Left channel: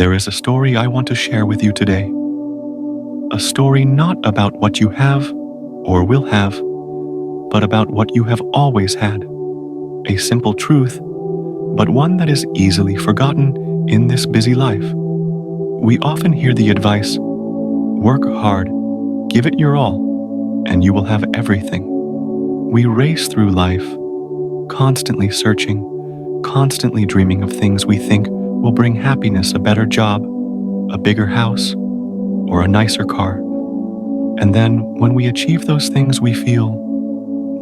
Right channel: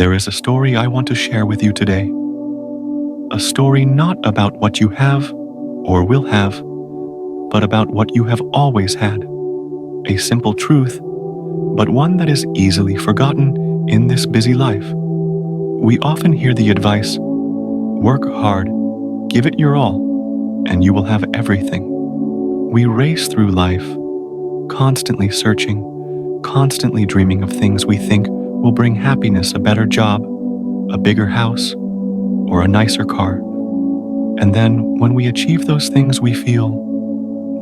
There is a story I want to share with you today. A story not about what you have or will have, but about what you have always had. A simple truth, but one that is easily forgotten in this busy life. We often hear the advice, work hard, give it your all, and you will have everything. We race through life, constantly searching, constantly dreaming of things we think will bring happiness, a better job, a bigger house, or a nicer car. And then when we achieve those things, we feel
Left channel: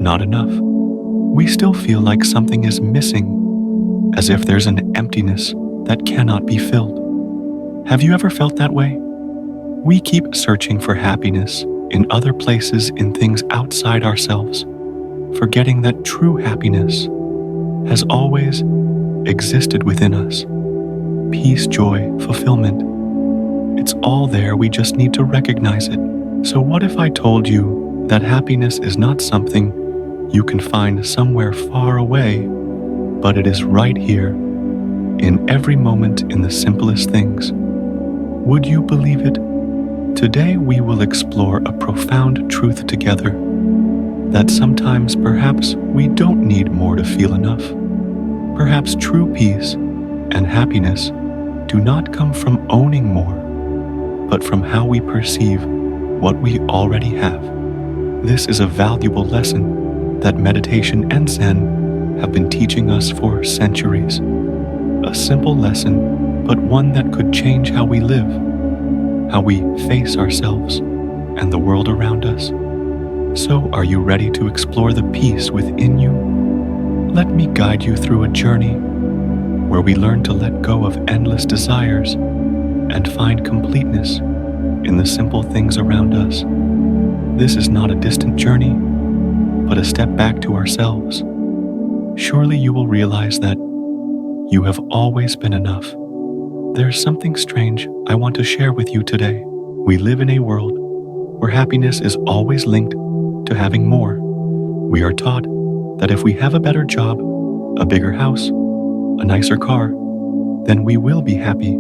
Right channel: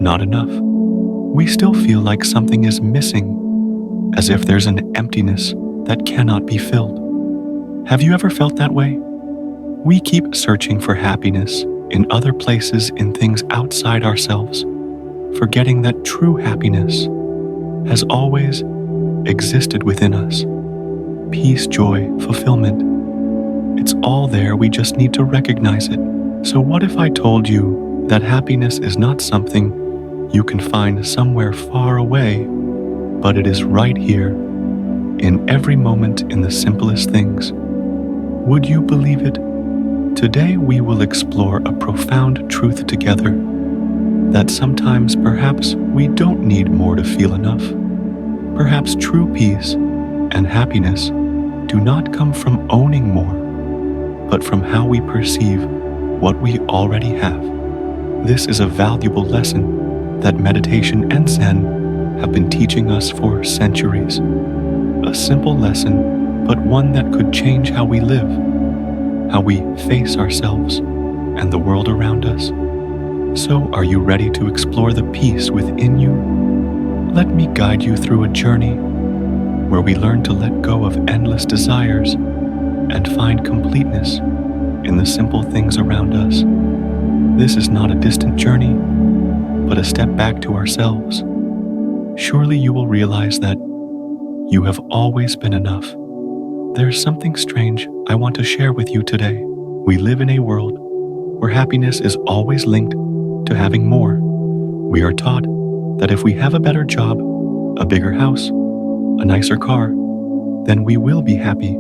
not enough. We still feel like something is missing, as if there's an emptiness that cannot be filled. Have you ever felt that way? We keep searching for happiness in other places, in things outside ourselves, forgetting that true happiness has always existed within us. Peace, joy, fulfillment. It's all there, we just need to recognize it. So what if I told you that happiness is not something you can find somewhere far away, but it is right here, in every moment, in the simplest things? Would you believe it? Today we will explore a profound truth together, that sometimes perhaps we don't need more to feel enough. Perhaps true peace and happiness do not come from owning more, but from how we perceive what we already have. This is a valuable lesson that meditation and Zen have been teaching us for centuries. A simple lesson, but one that could change how we live, how we face ourselves and the world around us. So, are you ready to explore the peace within you? Let me guide you through a journey where we learn to let go of endless desires and find completeness in the simple things around us. This is not a distant journey, but a step back to ourselves. Surely you will realize that you have always been enough. There's something strange I want to share with you today. We live in a world where happiness is always linked to having more. We are taught that if we have a better job, a bigger house, a nicer car, then we will be happy.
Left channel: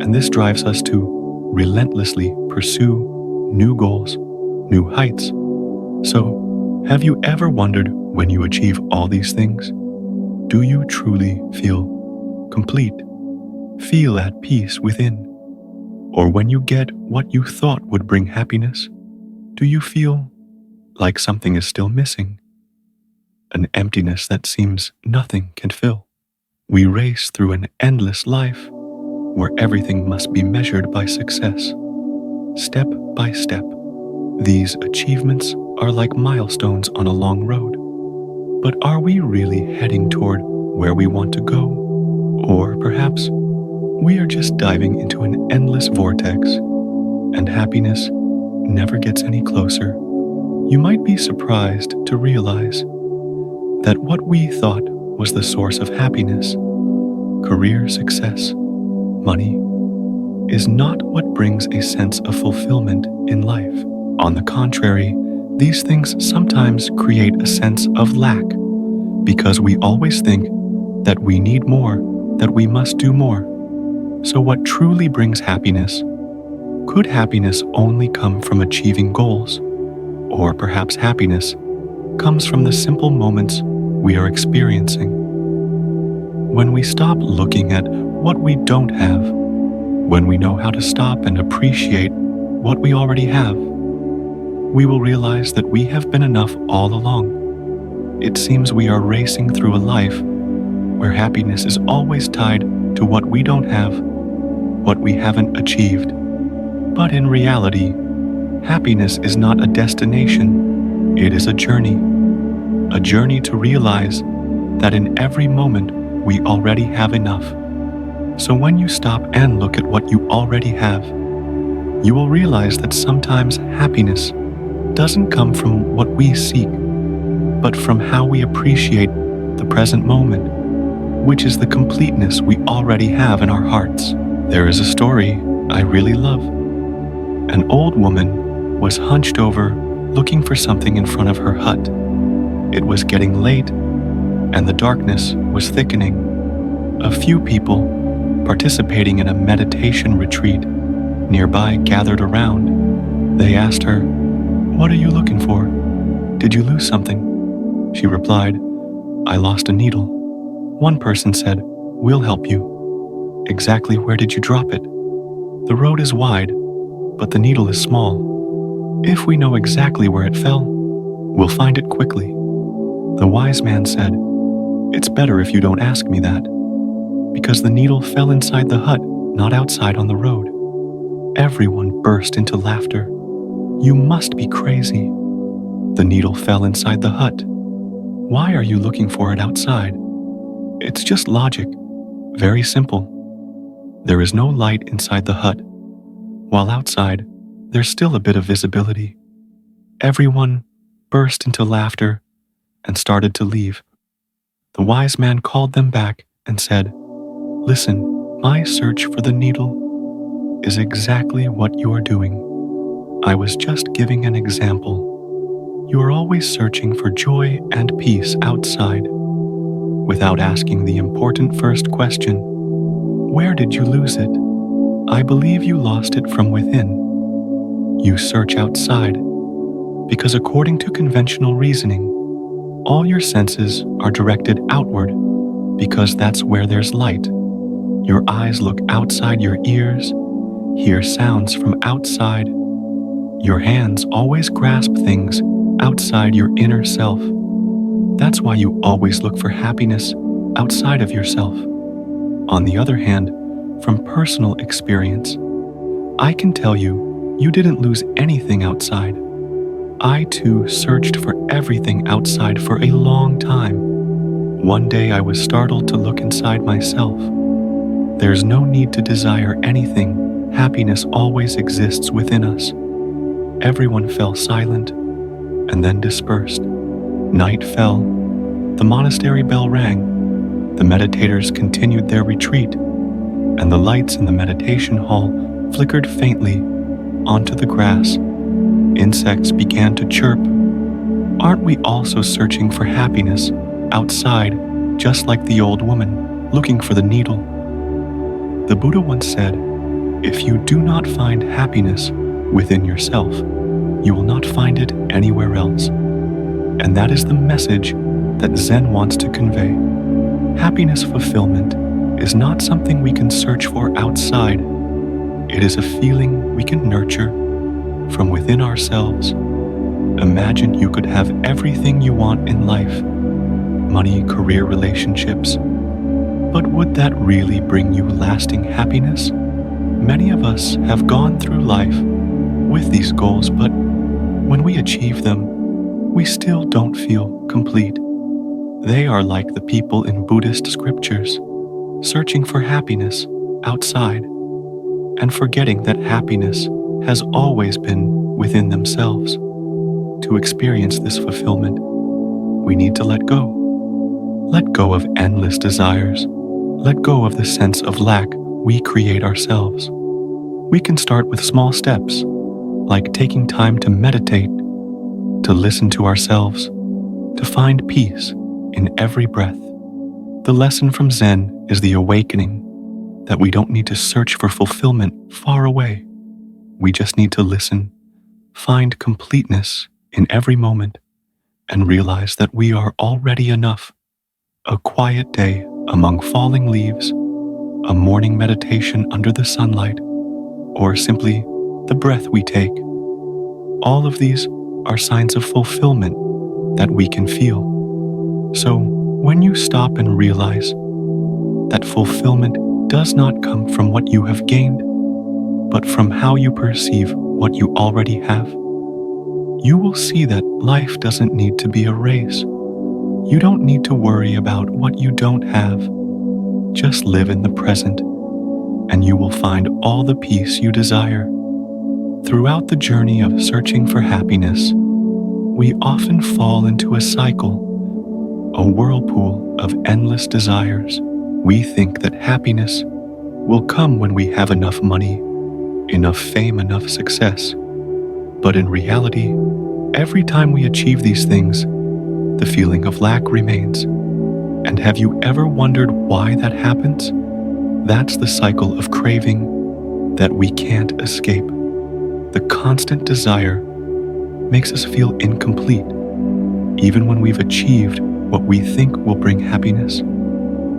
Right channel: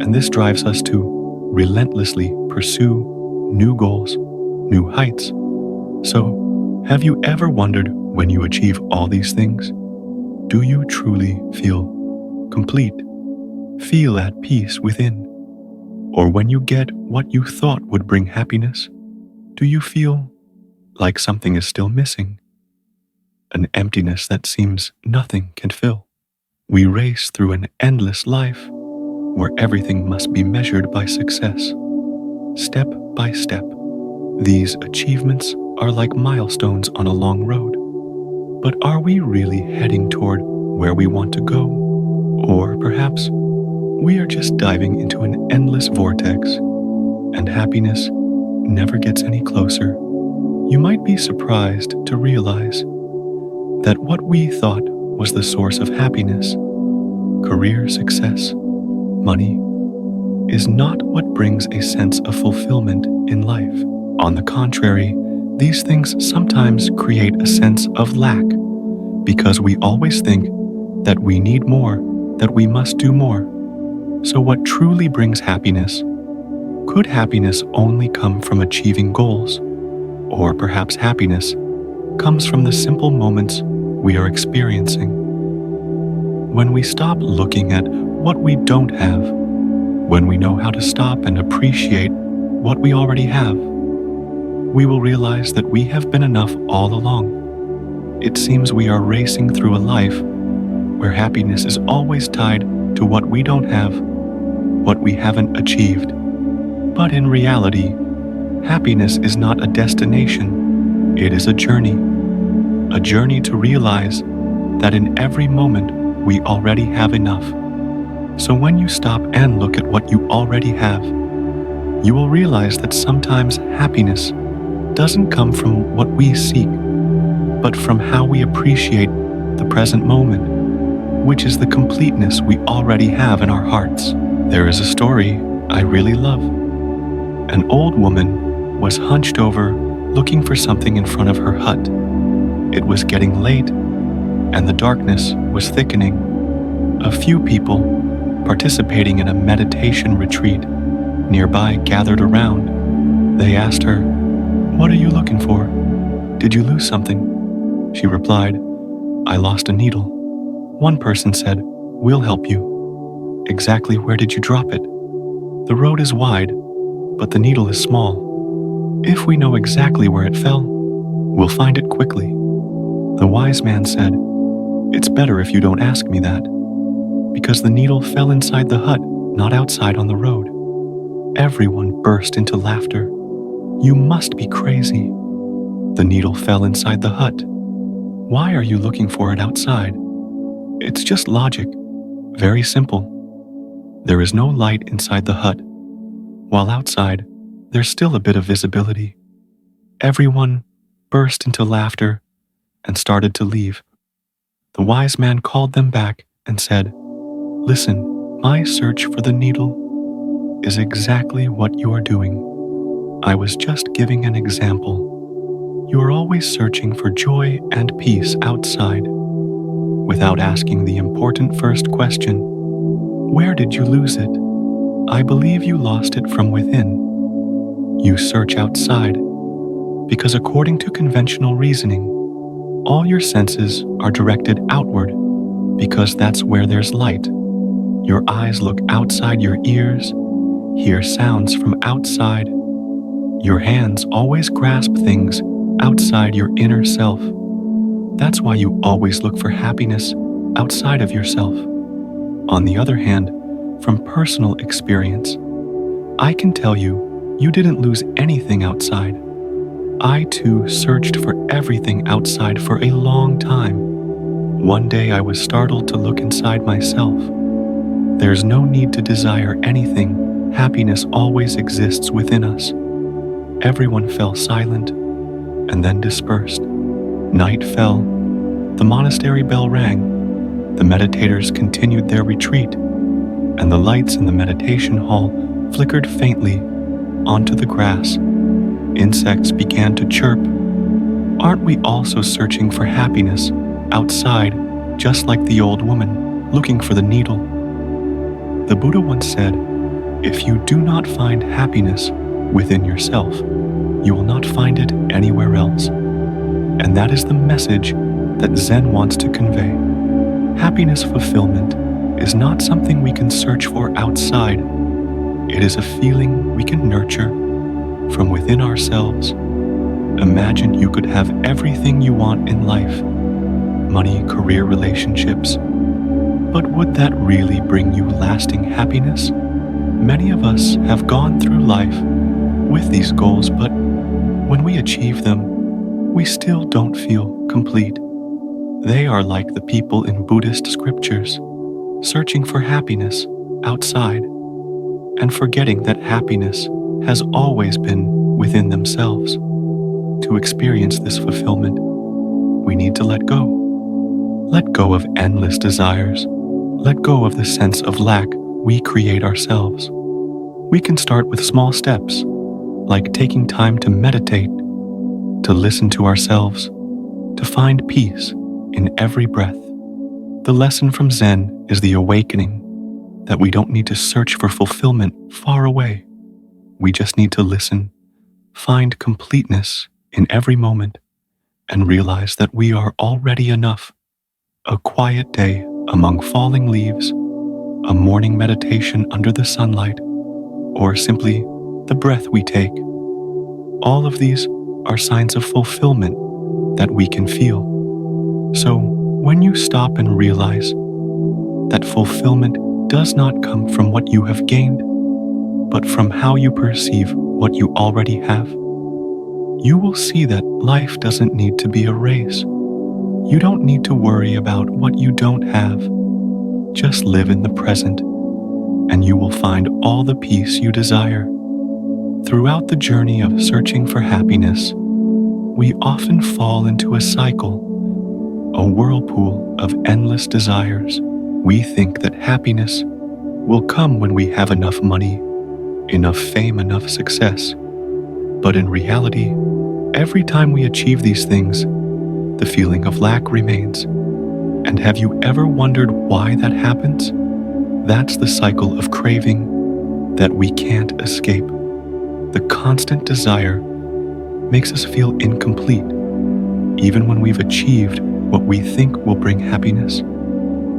And this drives us to relentlessly pursue new goals, new heights. So, have you ever wondered, when you achieve all these things, do you truly feel complete? Feel at peace within? Or when you get what you thought would bring happiness, do you feel like something is still missing? An emptiness that seems nothing can fill. We race through an endless life where everything must be measured by success. Step by step, these achievements are like milestones on a long road. But are we really heading toward where we want to go? Or perhaps we are just diving into an endless vortex, and happiness never gets any closer. You might be surprised to realize that what we thought was the source of happiness, career success, money, is not what brings a sense of fulfillment in life. On the contrary, these things sometimes create a sense of lack, because we always think that we need more, that we must do more. So what truly brings happiness? Could happiness only come from achieving goals? Or perhaps happiness comes from the simple moments we are experiencing. When we stop looking at what we don't have, when we know how to stop and appreciate what we already have, we will realize that we have been enough all along. It seems we are racing through a life where happiness is always tied to what we don't have, what we haven't achieved. But in reality, happiness is not a destination, it is a journey to realize that in every moment we already have enough. So when you stop and look at what you already have, you will realize that sometimes happiness doesn't come from what we seek, but from how we appreciate the present moment, which is the completeness we already have in our hearts. There is a story I really love. An old woman was hunched over looking for something in front of her hut. It was getting late, and the darkness was thickening. A few people participating in a meditation retreat, nearby gathered around. They asked her, "What are you looking for? Did you lose something?" She replied, "I lost a needle." One person said, "We'll help you." "Exactly where did you drop it?" "The road is wide, but the needle is small. If we know exactly where it fell, we'll find it quickly." The wise man said, "It's better if you don't ask me that, because the needle fell inside the hut, not outside on the road." Everyone burst into laughter. "You must be crazy. The needle fell inside the hut. Why are you looking for it outside? It's just logic. Very simple. There is no light inside the hut, while outside, there's still a bit of visibility." Everyone burst into laughter and started to leave. The wise man called them back and said, "Listen, my search for the needle is exactly what you are doing. I was just giving an example. You are always searching for joy and peace outside, without asking the important first question, where did you lose it? I believe you lost it from within. You search outside, because according to conventional reasoning, all your senses are directed outward, because that's where there's light. Your eyes look outside your ears, hear sounds from outside. Your hands always grasp things outside your inner self. That's why you always look for happiness outside of yourself. On the other hand, from personal experience, I can tell you, you didn't lose anything outside. I too searched for everything outside for a long time. One day I was startled to look inside myself. There's no need to desire anything. Happiness always exists within us. Everyone fell silent and then dispersed. Night fell. The monastery bell rang. The meditators continued their retreat, and the lights in the meditation hall flickered faintly onto the grass. Insects began to chirp. Aren't we also searching for happiness outside, just like the old woman looking for the needle? The Buddha once said, "If you do not find happiness within yourself, you will not find it anywhere else." And that is the message that Zen wants to convey. Happiness fulfillment is not something we can search for outside. It is a feeling we can nurture from within ourselves. Imagine you could have everything you want in life: money, career, relationships. But would that really bring you lasting happiness? Many of us have gone through life with these goals, but when we achieve them, we still don't feel complete. They are like the people in Buddhist scriptures, searching for happiness outside and forgetting that happiness has always been within themselves. To experience this fulfillment, we need to let go. Let go of endless desires. Let go of the sense of lack we create ourselves. We can start with small steps, like taking time to meditate, to listen to ourselves, to find peace in every breath. The lesson from Zen is the awakening that we don't need to search for fulfillment far away. We just need to listen, find completeness in every moment, and realize that we are already enough. A quiet day among falling leaves, a morning meditation under the sunlight, or simply the breath we take. All of these are signs of fulfillment that we can feel. So when you stop and realize that fulfillment does not come from what you have gained, but from how you perceive what you already have, you will see that life doesn't need to be a race. You don't need to worry about what you don't have. Just live in the present, and you will find all the peace you desire. Throughout the journey of searching for happiness, we often fall into a cycle, a whirlpool of endless desires. We think that happiness will come when we have enough money, enough fame, enough success. But in reality, every time we achieve these things, the feeling of lack remains. And have you ever wondered why that happens? That's the cycle of craving that we can't escape. The constant desire makes us feel incomplete, even when we've achieved what we think will bring happiness.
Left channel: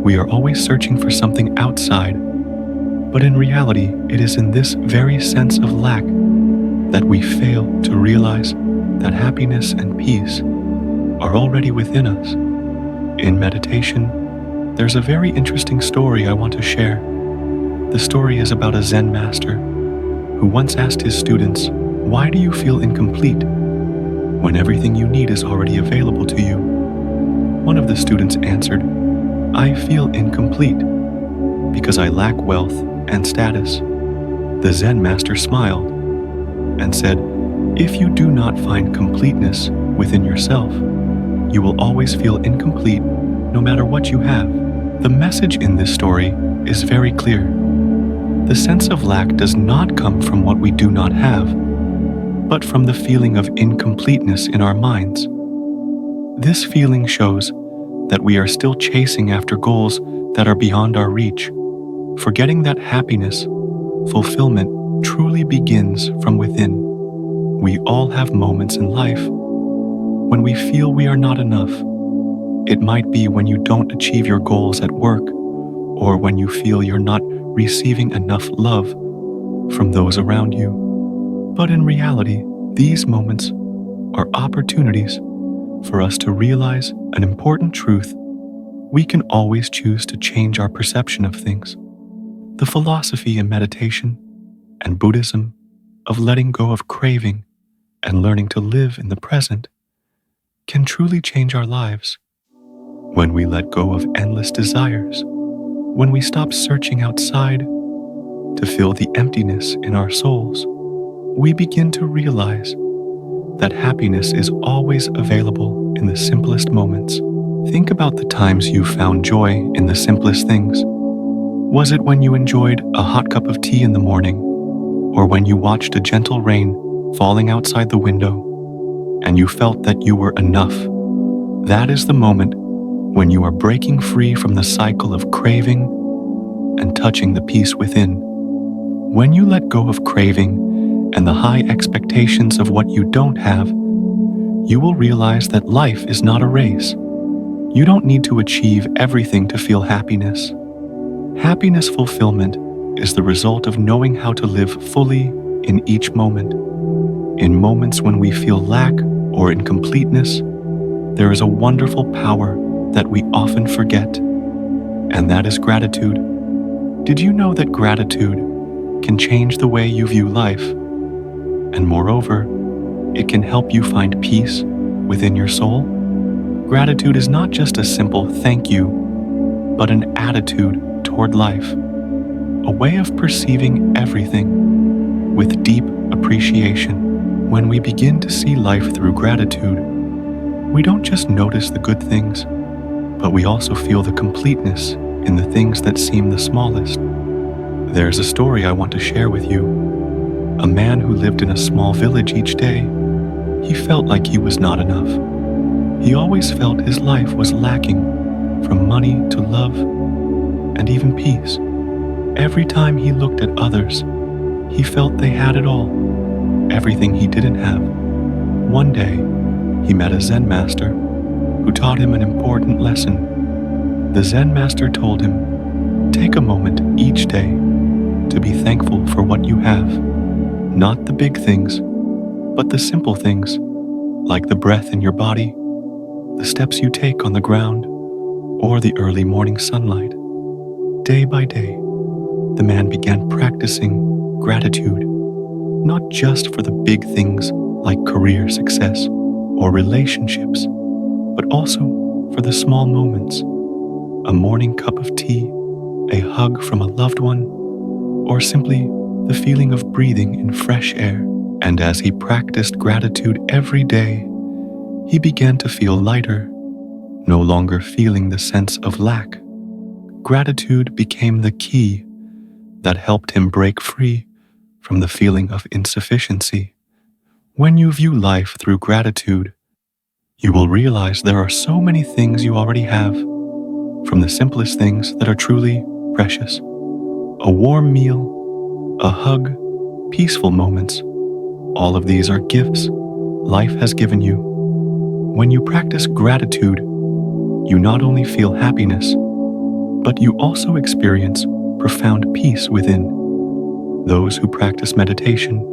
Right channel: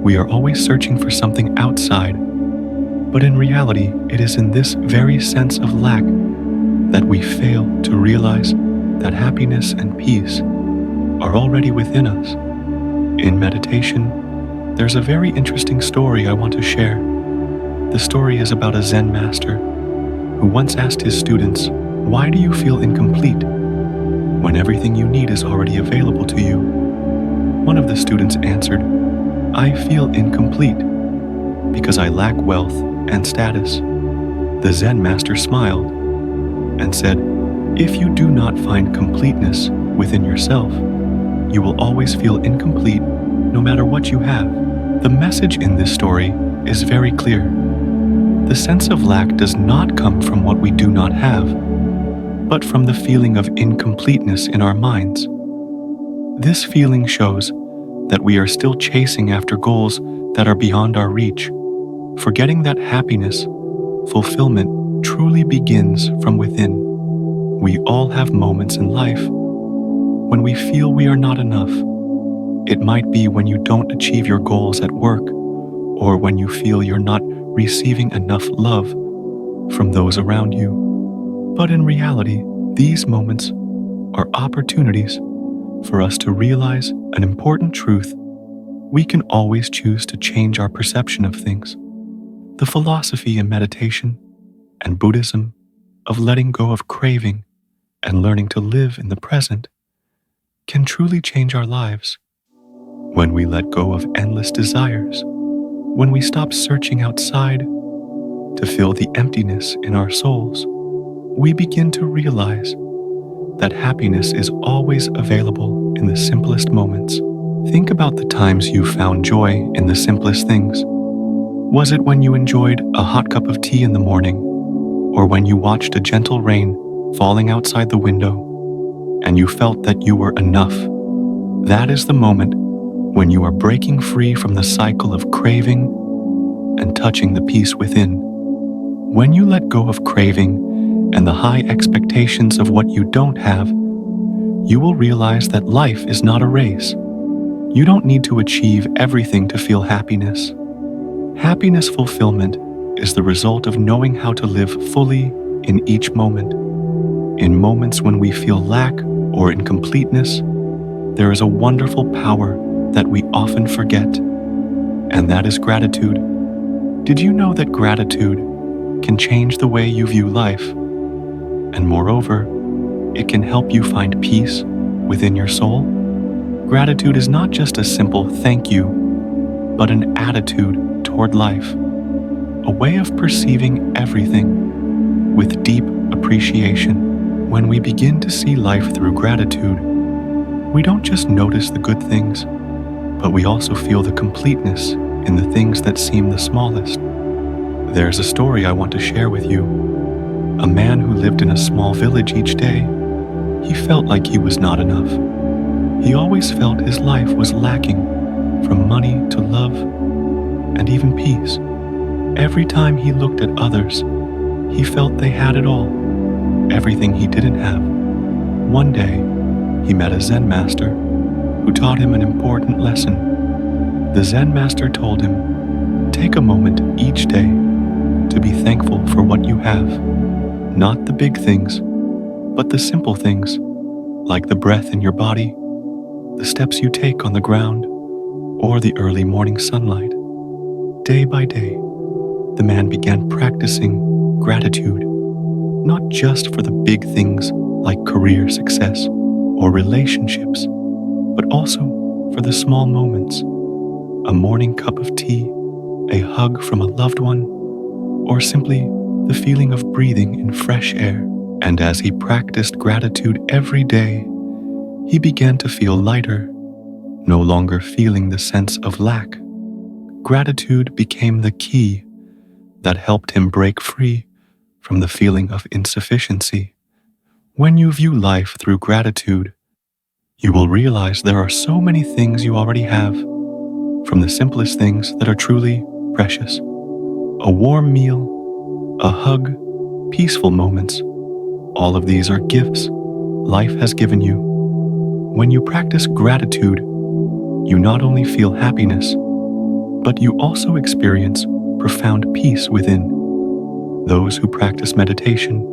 We are always searching for something outside, but in reality, it is in this very sense of lack that we fail to realize that happiness and peace are already within us. In meditation, there's a very interesting story I want to share. The story is about a Zen master who once asked his students, "Why do you feel incomplete when everything you need is already available to you?" One of the students answered, "I feel incomplete because I lack wealth and status." The Zen master smiled and said, "If you do not find completeness within yourself, you will always feel incomplete no matter what you have." The message in this story is very clear. The sense of lack does not come from what we do not have, but from the feeling of incompleteness in our minds. This feeling shows that we are still chasing after goals that are beyond our reach, forgetting that happiness, fulfillment, truly begins from within. We all have moments in life when we feel we are not enough. It might be when you don't achieve your goals at work, or when you feel you're not receiving enough love from those around you. But in reality, these moments are opportunities for us to realize an important truth. We can always choose to change our perception of things. The philosophy in meditation and Buddhism of letting go of craving and learning to live in the present can truly change our lives. When we let go of endless desires, when we stop searching outside to fill the emptiness in our souls, we begin to realize that happiness is always available in the simplest moments. Think about the times you found joy in the simplest things. Was it when you enjoyed a hot cup of tea in the morning, or when you watched a gentle rain falling outside the window and you felt that you were enough? That is the moment when you are breaking free from the cycle of craving and touching the peace within. When you let go of craving and the high expectations of what you don't have, you will realize that life is not a race. You don't need to achieve everything to feel happiness. Happiness fulfillment is the result of knowing how to live fully in each moment. In moments when we feel lack or incompleteness, there is a wonderful power that we often forget, and that is gratitude. Did you know that gratitude can change the way you view life? And moreover, it can help you find peace within your soul. Gratitude is not just a simple thank you, but an attitude toward life, a way of perceiving everything with deep appreciation. When we begin to see life through gratitude, we don't just notice the good things, but we also feel the completeness in the things that seem the smallest. There's a story I want to share with you. A man who lived in a small village each day, he felt like he was not enough. He always felt his life was lacking, from money to love and even peace. Every time he looked at others, he felt they had it all, everything he didn't have. One day, he met a Zen master who taught him an important lesson. The Zen master told him, "Take a moment each day to be thankful for what you have. Not the big things, but the simple things, like the breath in your body, the steps you take on the ground, or the early morning sunlight." Day by day, the man began practicing gratitude, not just for the big things like career success or relationships, but also for the small moments. A morning cup of tea, a hug from a loved one, or simply the feeling of breathing in fresh air. And as he practiced gratitude every day, he began to feel lighter, no longer feeling the sense of lack. Gratitude became the key that helped him break free from the feeling of insufficiency. When you view life through gratitude, you will realize there are so many things you already have, from the simplest things that are truly precious. A warm meal, a hug, peaceful moments. All of these are gifts life has given you. When you practice gratitude, you not only feel happiness, but you also experience profound peace within. Those who practice meditation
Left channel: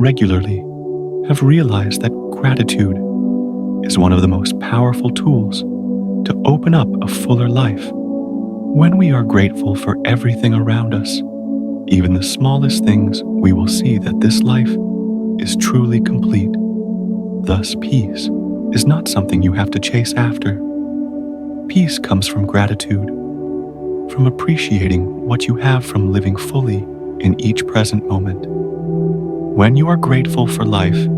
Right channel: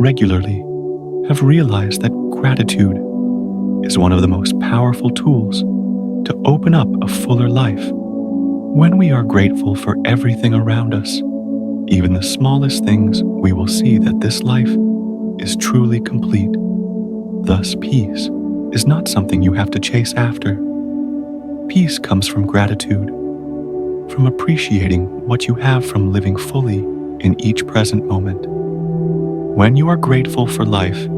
regularly have realized that gratitude is one of the most powerful tools to open up a fuller life. When we are grateful for everything around us, even the smallest things, we will see that this life is truly complete. Thus, peace is not something you have to chase after. Peace comes from gratitude, from appreciating what you have, from living fully in each present moment. When you are grateful for life,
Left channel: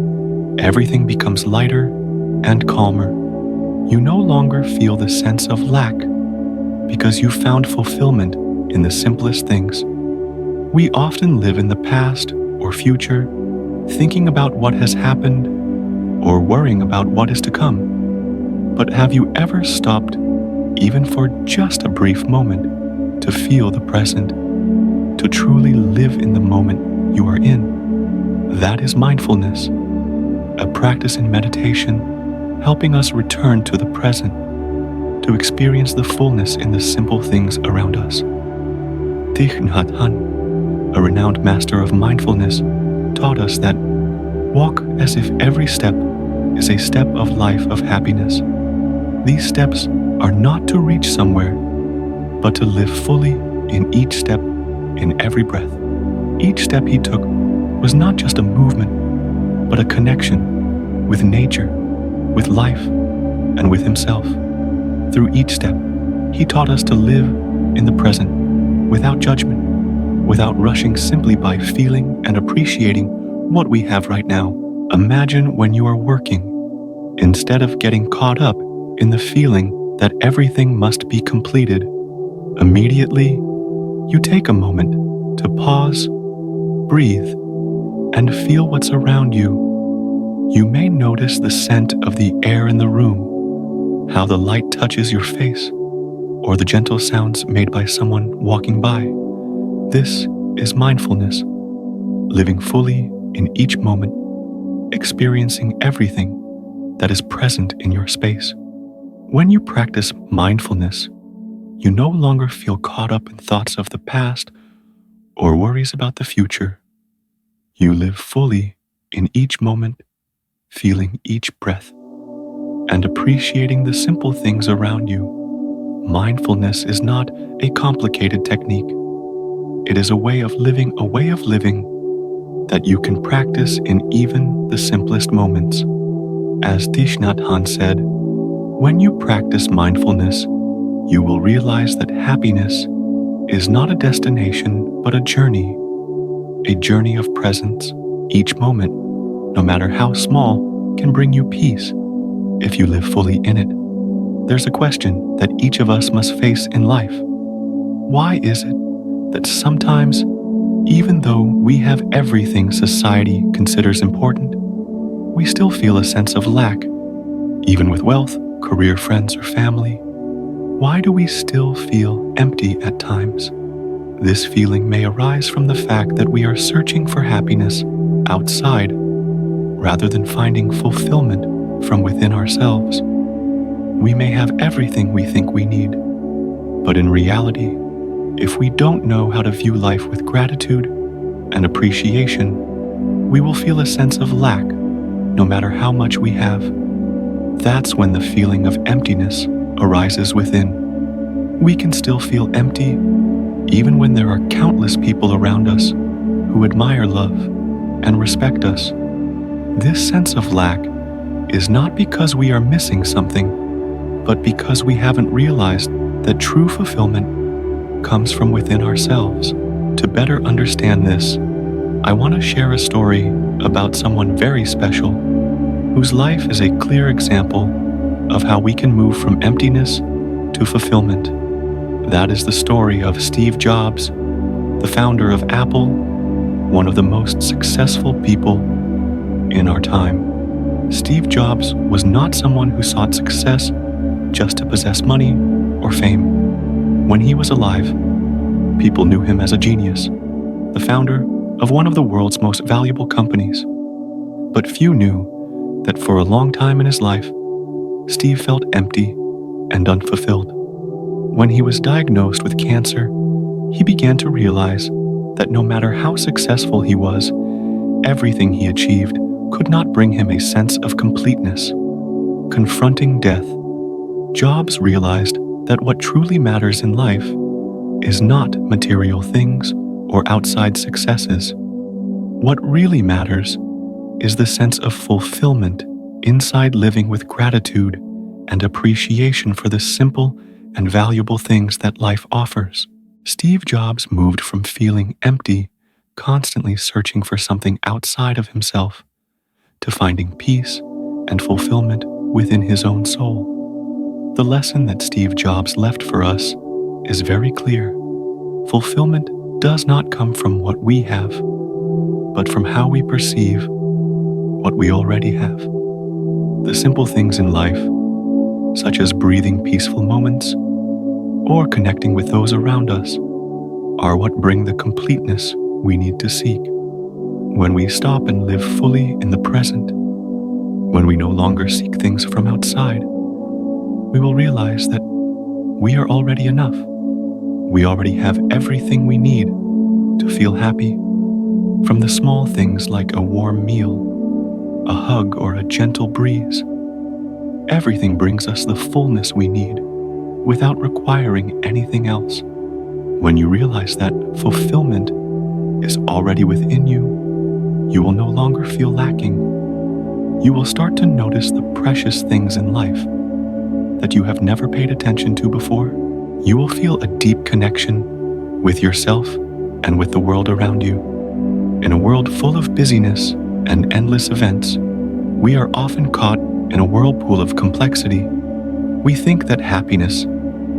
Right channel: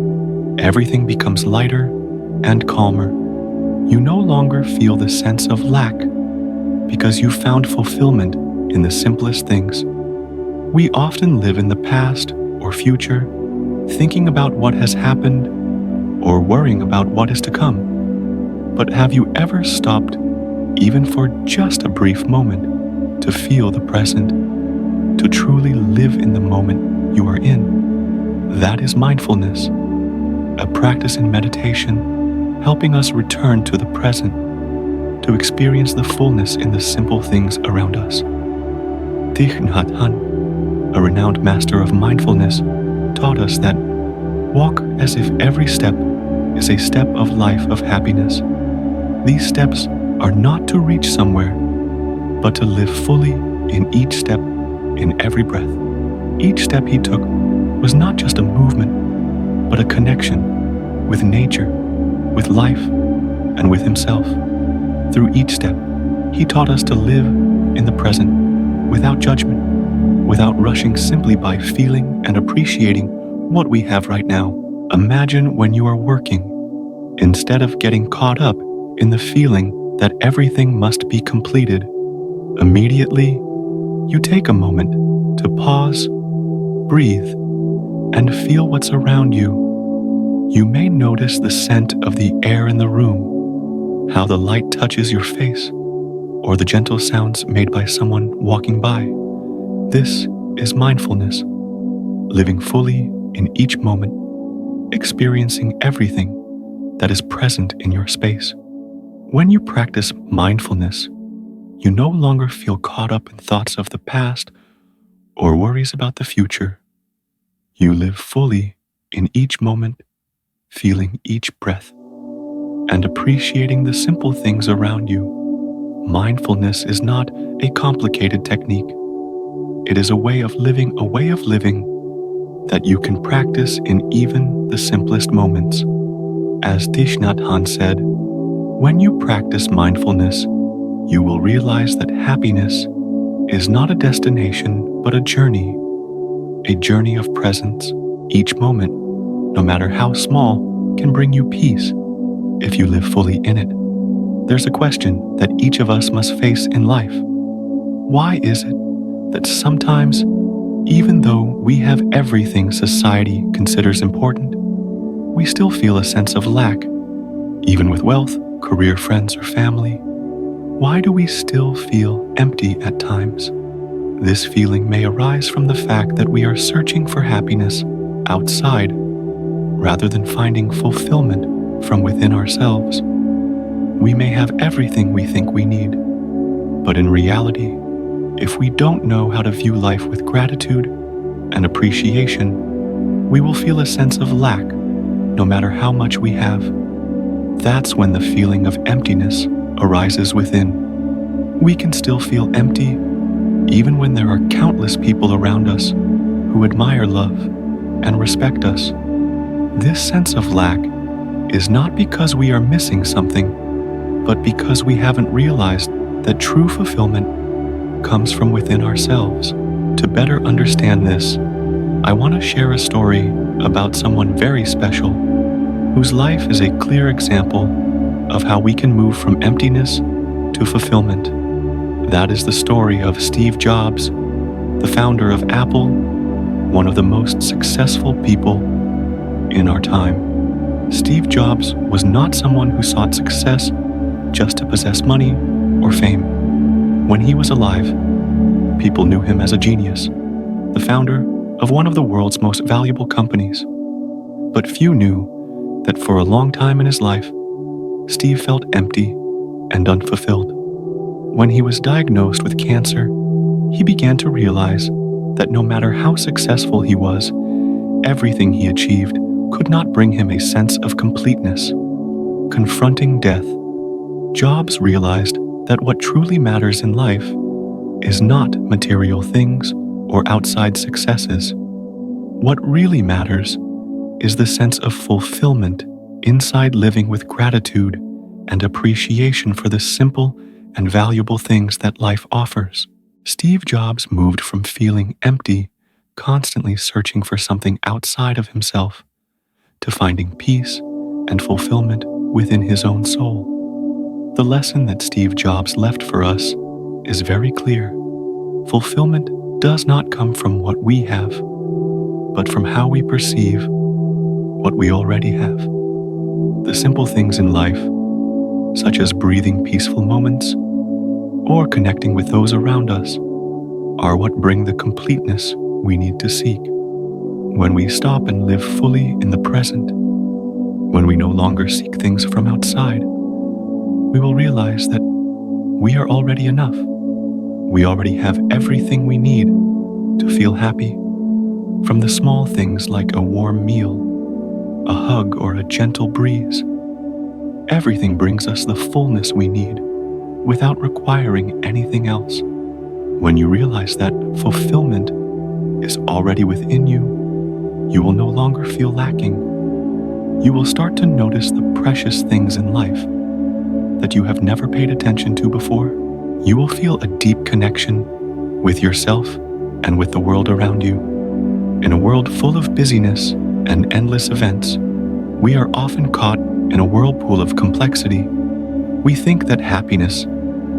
everything becomes lighter and calmer. You no longer feel the sense of lack because you found fulfillment in the simplest things. We often live in the past or future, thinking about what has happened or worrying about what is to come. But have you ever stopped, even for just a brief moment, to feel the present, to truly live in the moment you are in? That is mindfulness, a practice in meditation, helping us return to the present, to experience the fullness in the simple things around us. Thich Nhat Hanh, a renowned master of mindfulness, taught us that walk as if every step is a step of life of happiness. These steps are not to reach somewhere, but to live fully in each step, in every breath. Each step he took was not just a movement, but a connection with nature, with life, and with himself. Through each step, he taught us to live in the present, without judgment, without rushing, simply by feeling and appreciating what we have right now. Imagine when you are working, instead of getting caught up in the feeling that everything must be completed, immediately you take a moment to pause, breathe, and feel what's around you. You may notice the scent of the air in the room, how the light touches your face, or the gentle sounds made by someone walking by. This is mindfulness, living fully in each moment, experiencing everything that is present in your space. When you practice mindfulness, you no longer feel caught up in thoughts of the past or worries about the future. You live fully in each moment, feeling each breath, and appreciating the simple things around you. Mindfulness is not a complicated technique. It is a way of living that you can practice in even the simplest moments. As Thich Nhat Hanh said, when you practice mindfulness, you will realize that happiness is not a destination, but a journey of presence. Each moment, no matter how small, can bring you peace if you live fully in it. There's a question that each of us must face in life. Why is it that sometimes, even though we have everything society considers important, we still feel a sense of lack, even with wealth, career, friends, or family? Why do we still feel empty at times? This feeling may arise from the fact that we are searching for happiness outside rather than finding fulfillment from within ourselves. We may have everything we think we need, but in reality, if we don't know how to view life with gratitude and appreciation, we will feel a sense of lack no matter how much we have. That's when the feeling of emptiness arises within. We can still feel empty even when there are countless people around us who admire love and respect us. This sense of lack is not because we are missing something, but because we haven't realized that true fulfillment comes from within ourselves. To better understand this, I want to share a story about someone very special, whose life is a clear example of how we can move from emptiness to fulfillment. That is the story of Steve Jobs, the founder of Apple, one of the most successful people in our time. Steve Jobs was not someone who sought success just to possess money or fame. When he was alive, People knew him as a genius, the founder of one of the world's most valuable companies. But few knew that for a long time in his life, Steve felt empty and unfulfilled. When he was diagnosed with cancer, he began to realize that no matter how successful he was, everything he achieved could not bring him a sense of completeness. Confronting death, Jobs realized that what truly matters in life is not material things or outside successes. What really matters is the sense of fulfillment inside living with gratitude and appreciation for the simple and valuable things that life offers. Steve Jobs moved from feeling empty, constantly searching for something outside of himself, to finding peace and fulfillment within his own soul. The lesson that Steve Jobs left for us is very clear. Fulfillment does not come from what we have, but from how we perceive what we already have. The simple things in life, such as breathing peaceful moments or connecting with those around us, are what bring the completeness we need to seek. When we stop and live fully in the present, when we no longer seek things from outside, we will realize that we are already enough. We already have everything we need to feel happy, from the small things like a warm meal, a hug, or a gentle breeze. Everything brings us the fullness we need without requiring anything else. When you realize that fulfillment is already within you, you will no longer feel lacking. You will start to notice the precious things in life that you have never paid attention to before. You will feel a deep connection with yourself and with the world around you. In a world full of busyness and endless events, we are often caught in a whirlpool of complexity. We think that happiness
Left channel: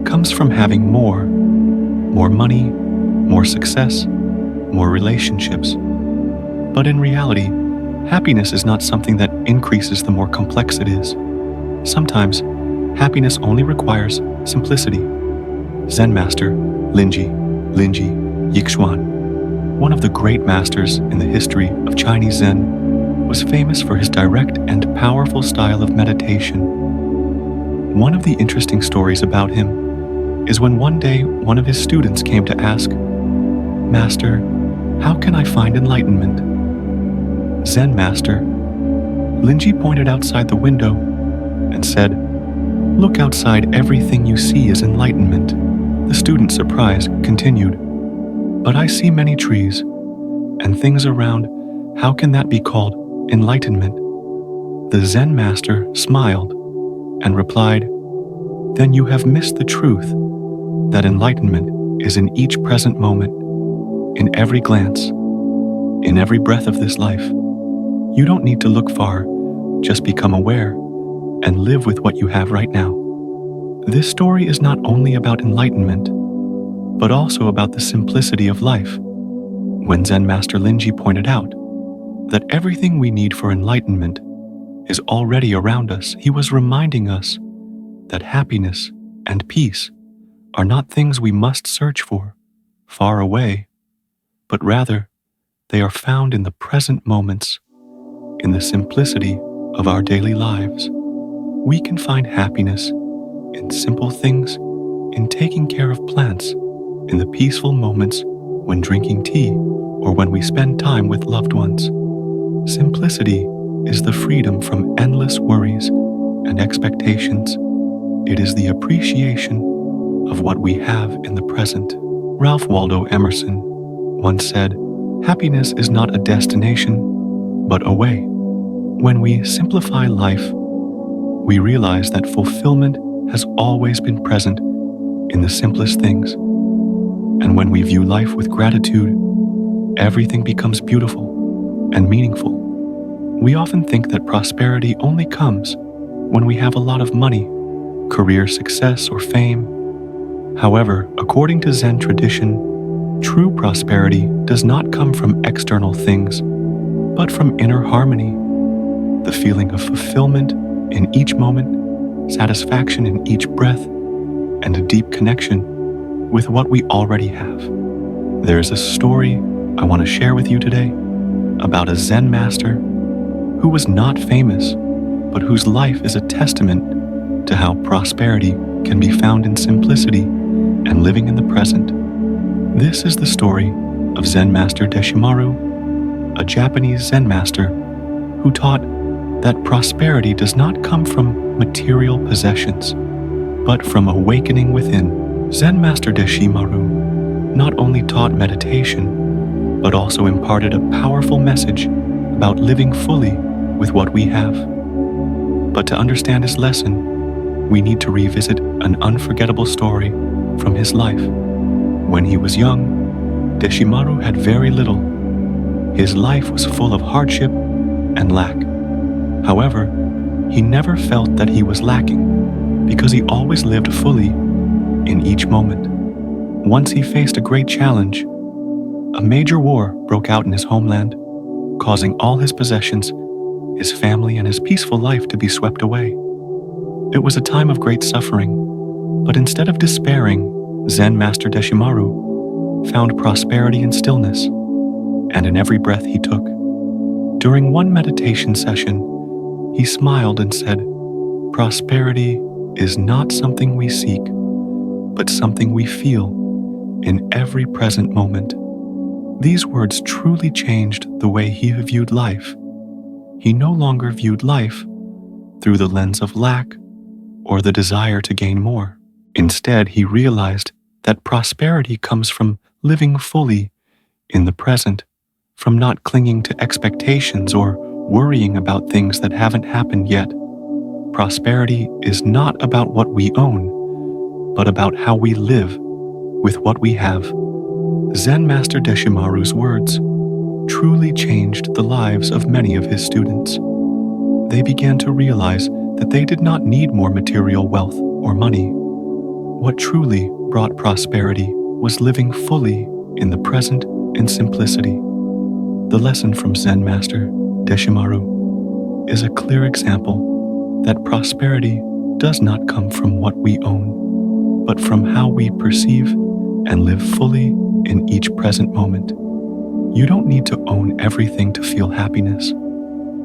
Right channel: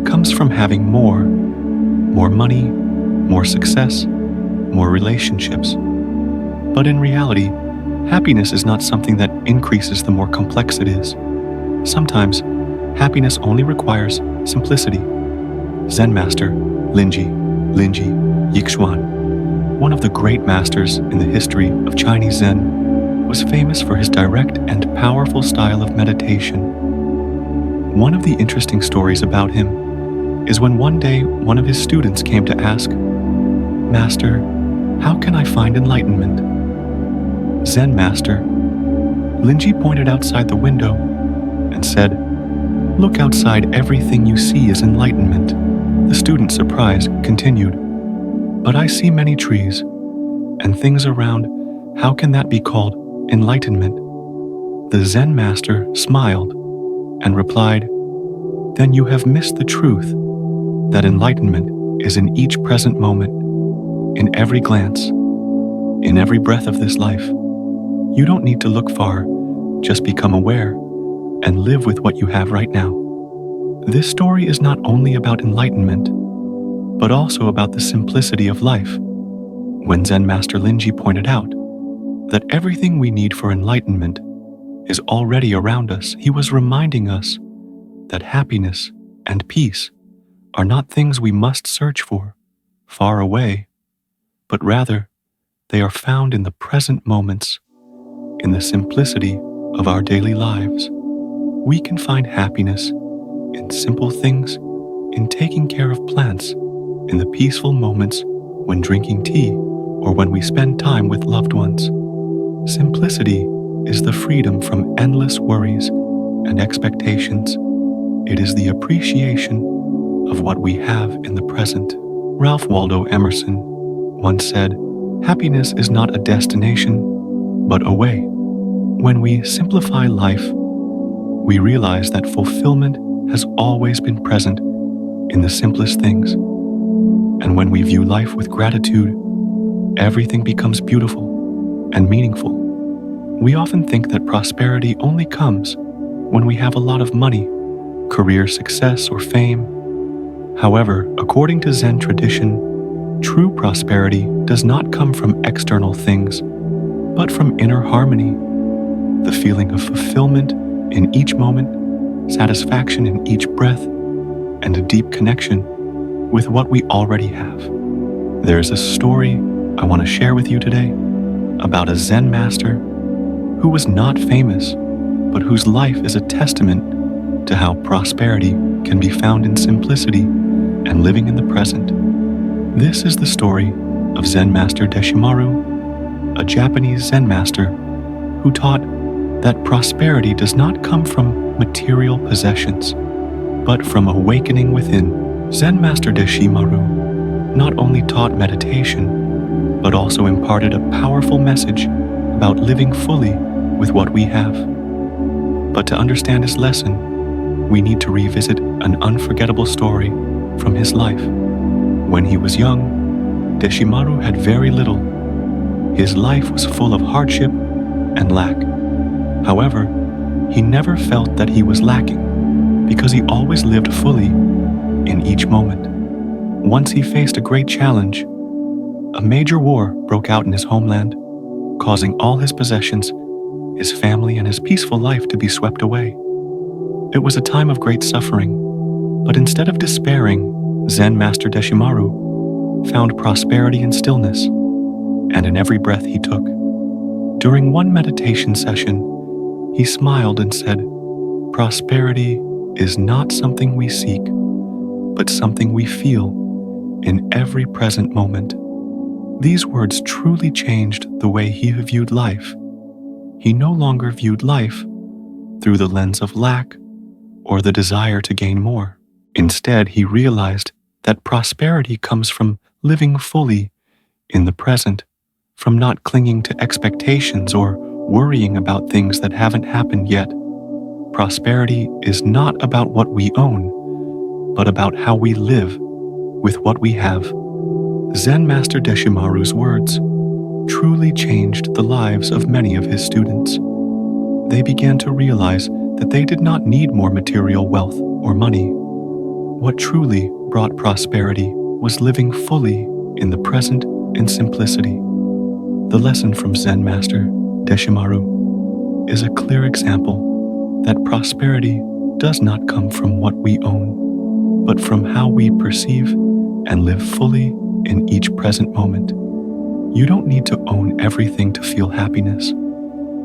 comes from having more money, more success, more relationships. But in reality, happiness is not something that increases the more complex it is. Sometimes, happiness only requires simplicity. Zen master Linji Yixuan, one of the great masters in the history of Chinese Zen, was famous for his direct and powerful style of meditation. One of the interesting stories about him is when one day one of his students came to ask, "Master, how can I find enlightenment?" Zen master Linji pointed outside the window and said, "Look outside, everything you see is enlightenment." The student, surprised, continued, "But I see many trees and things around. How can that be called enlightenment?" The Zen master smiled and replied, "Then you have missed the truth that enlightenment is in each present moment, in every glance, in every breath of this life. You don't need to look far, just become aware and live with what you have right now." This story is not only about enlightenment, but also about the simplicity of life. When Zen Master Linji pointed out that everything we need for enlightenment is already around us, he was reminding us that happiness and peace are not things we must search for far away, but rather they are found in the present moments, in the simplicity of our daily lives. We can find happiness in simple things, in taking care of plants, in the peaceful moments when drinking tea or when we spend time with loved ones. Simplicity is the freedom from endless worries and expectations. It is the appreciation of what we have in the present. Ralph Waldo Emerson once said, "Happiness is not a destination, but a way." When we simplify life, we realize that fulfillment has always been present in the simplest things. And when we view life with gratitude, everything becomes beautiful and meaningful. We often think that prosperity only comes when we have a lot of money, career success, or fame. However, according to Zen tradition, true prosperity does not come from external things, but from inner harmony, the feeling of fulfillment in each moment, satisfaction in each breath, and a deep connection with what we already have. There's a story I want to share with you today about a Zen master who was not famous, but whose life is a testament to how prosperity can be found in simplicity and living in the present. This is the story of Zen Master Deshimaru, a Japanese Zen master who taught that prosperity does not come from material possessions, but from awakening within. Zen Master Deshimaru not only taught meditation, but also imparted a powerful message about living fully with what we have. But to understand his lesson, we need to revisit an unforgettable story from his life. When he was young, Deshimaru had very little. His life was full of hardship and lack. However, he never felt that he was lacking because he always lived fully in each moment. Once he faced a great challenge. A major war broke out in his homeland, causing all his possessions, his family, and his peaceful life to be swept away. It was a time of great suffering, but instead of despairing, Zen Master Deshimaru found prosperity in stillness and in every breath he took. During one meditation session, he smiled and said, "Prosperity is not something we seek, but something we feel in every present moment." These words truly changed the way he viewed life. He no longer viewed life through the lens of lack or the desire to gain more. Instead, he realized that prosperity comes from living fully in the present, from not clinging to expectations or worrying about things that haven't happened yet. Prosperity is not about what we own, but about how we live with what we have. Zen Master Deshimaru's words truly changed the lives of many of his students. They began to realize that they did not need more material wealth or money. What truly brought prosperity was living fully in the present in simplicity. The lesson from Zen Master Deshimaru is a clear example that prosperity does not come from what we own, but from how we perceive and live fully in each present moment. You don't need to own everything to feel happiness.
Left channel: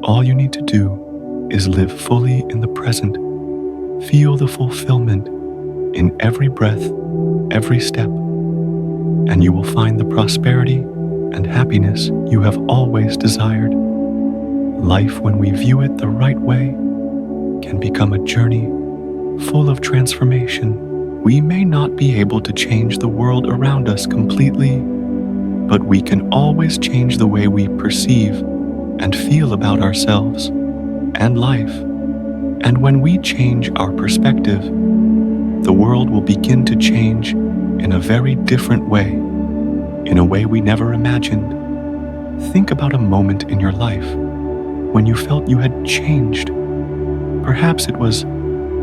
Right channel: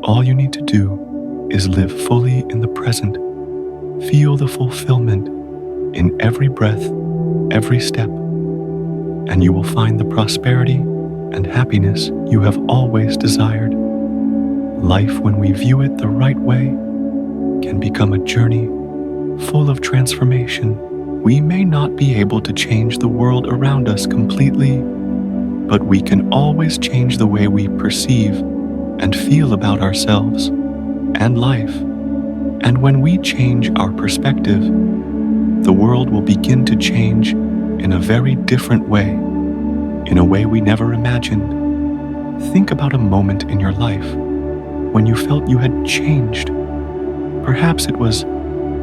All you need to do is live fully in the present. Feel the fulfillment in every breath, every step, and you will find the prosperity and happiness you have always desired. Life, when we view it the right way, can become a journey full of transformation. We may not be able to change the world around us completely, but we can always change the way we perceive and feel about ourselves and life. And when we change our perspective, the world will begin to change in a very different way, in a way we never imagined. Think about a moment in your life when you felt you had changed. Perhaps it was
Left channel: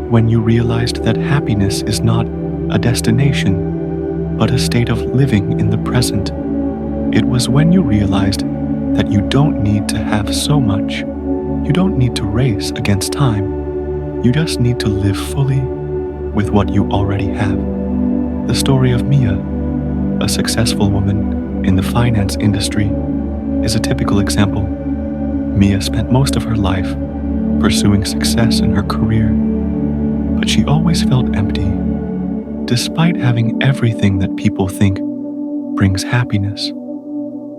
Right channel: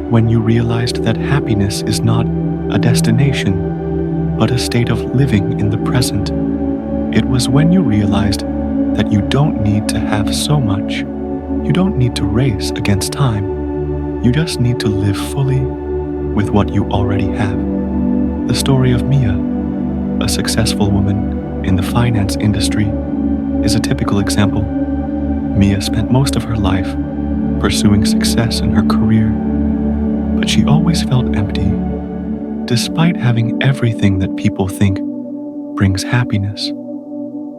when you realized that happiness is not a destination, but a state of living in the present. It was when you realized that you don't need to have so much. You don't need to race against time. You just need to live fully with what you already have. The story of Mia, a successful woman in the finance industry, is a typical example. Mia spent most of her life pursuing success in her career, but she always felt empty. Despite having everything that people think brings happiness,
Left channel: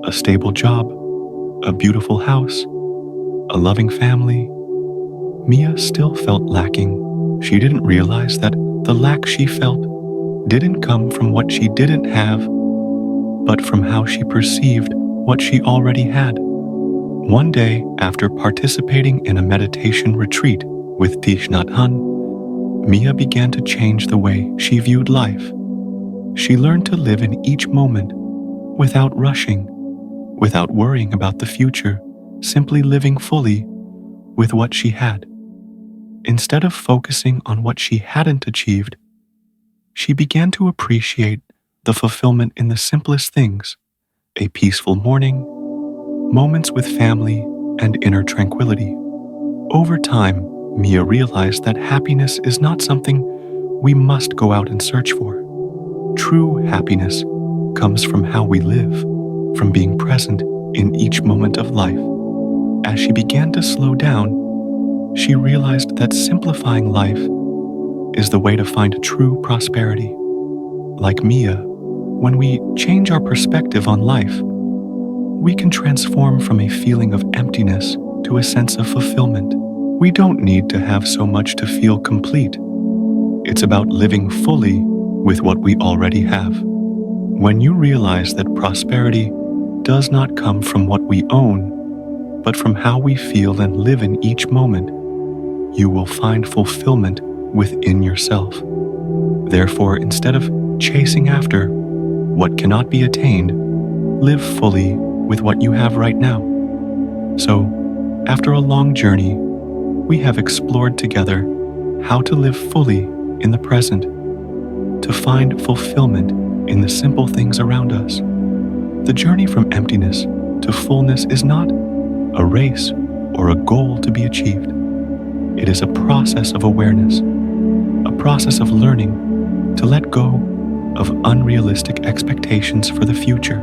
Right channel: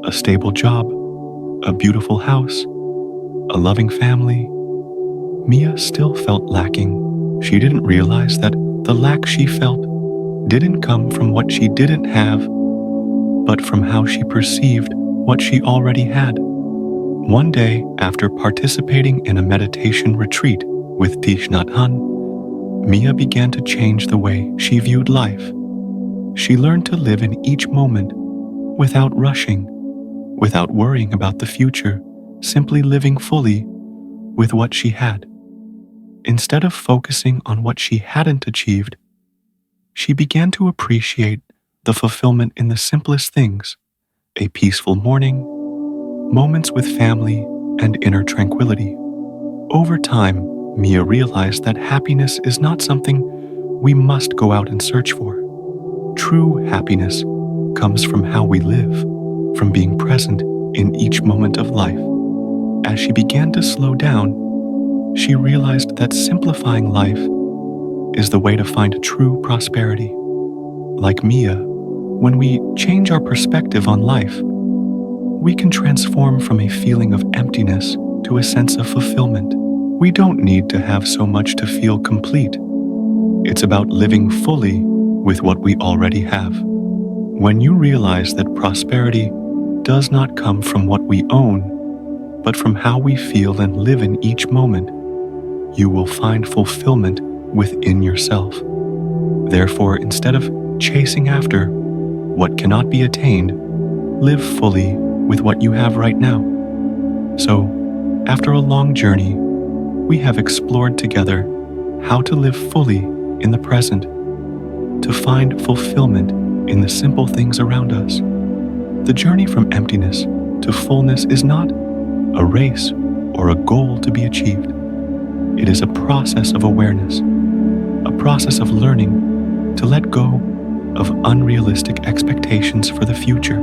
a stable job, a beautiful house, a loving family, Mia still felt lacking. She didn't realize that the lack she felt didn't come from what she didn't have, but from how she perceived what she already had. One day, after participating in a meditation retreat with Thich Nhat Hanh, Mia began to change the way she viewed life. She learned to live in each moment without rushing, without worrying about the future, simply living fully with what she had. Instead of focusing on what she hadn't achieved, she began to appreciate the fulfillment in the simplest things: a peaceful morning, moments with family, and inner tranquility. Over time, Mia realized that happiness is not something we must go out and search for. True happiness comes from how we live, from being present in each moment of life. As she began to slow down, she realized that simplifying life is the way to find true prosperity. Like Mia, when we change our perspective on life, we can transform from a feeling of emptiness to a sense of fulfillment. We don't need to have so much to feel complete. It's about living fully with what we already have. When you realize that prosperity does not come from what we own, but from how we feel and live in each moment, you will find fulfillment within yourself. Therefore, instead of chasing after what cannot be attained, live fully with what you have right now. So, after a long journey, we have explored together how to live fully in the present, to find fulfillment in the simple things around us. The journey from emptiness to fullness is not a race or a goal to be achieved. It is a process of awareness, a process of learning to let go of unrealistic expectations for the future,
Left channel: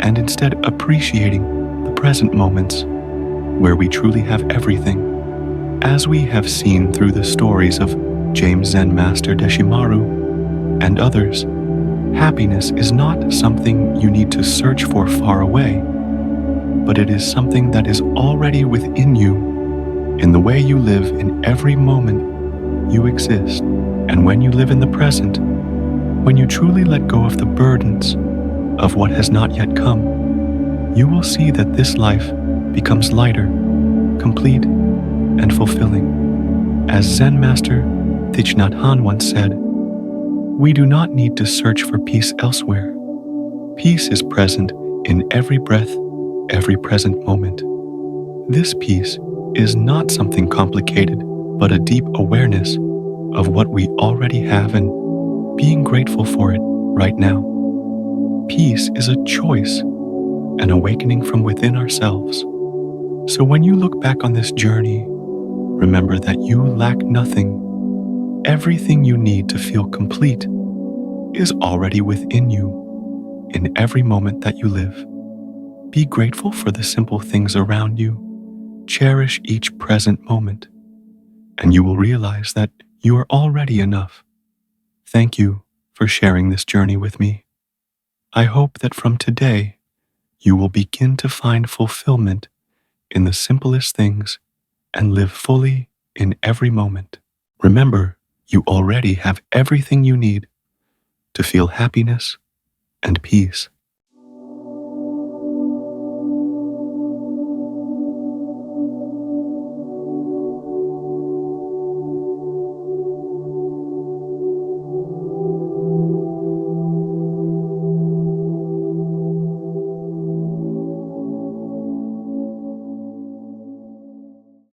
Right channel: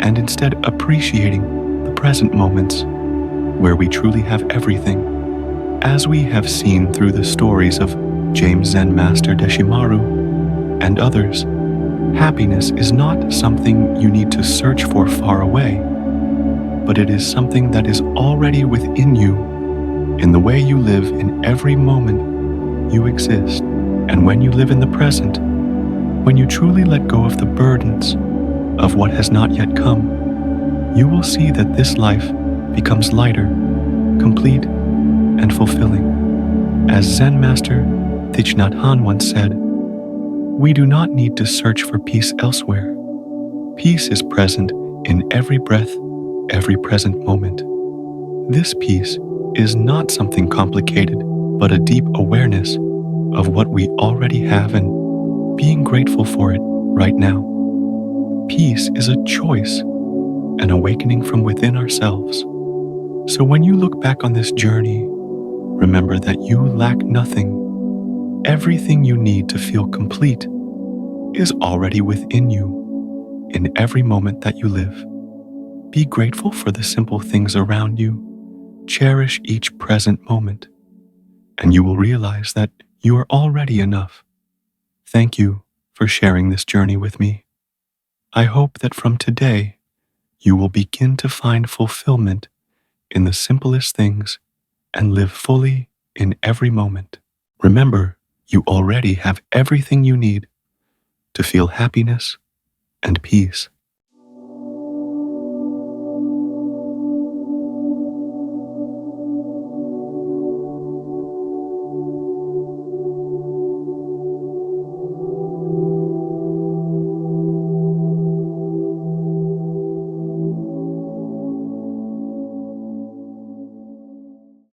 and instead appreciating the present moments where we truly have everything. As we have seen through the stories of James Zen Master Deshimaru and others, happiness is not something you need to search for far away, but it is something that is already within you, in the way you live in every moment you exist. And when you live in the present, when you truly let go of the burdens of what has not yet come, you will see that this life becomes lighter, complete, and fulfilling. As Zen Master Thich Nhat Hanh once said, "We do not need to search for peace elsewhere. Peace is present in every breath, every present moment." This peace is not something complicated, but a deep awareness of what we already have and being grateful for it right now. Peace is a choice, an awakening from within ourselves. So when you look back on this journey, remember that you lack nothing. Everything you need to feel complete is already within you in every moment that you live. Be grateful for the simple things around you. Cherish each present moment, and you will realize that you are already enough. Thank you for sharing this journey with me. I hope that from today, you will begin to find fulfillment in the simplest things and live fully in every moment. Remember, you already have everything you need to feel happiness and peace.